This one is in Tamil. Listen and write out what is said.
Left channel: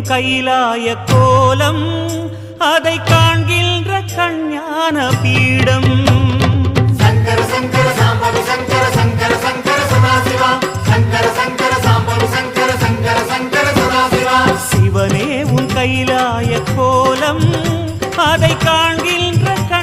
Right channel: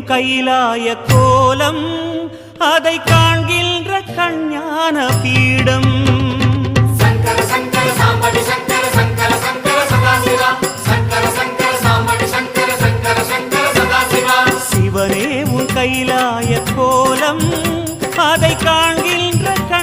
உன் கைலாய கோலம் அதை காண்கின்ற கஞ்ஞான பீடம் சிவனே உன் கைலாய கோலம் அதை காண்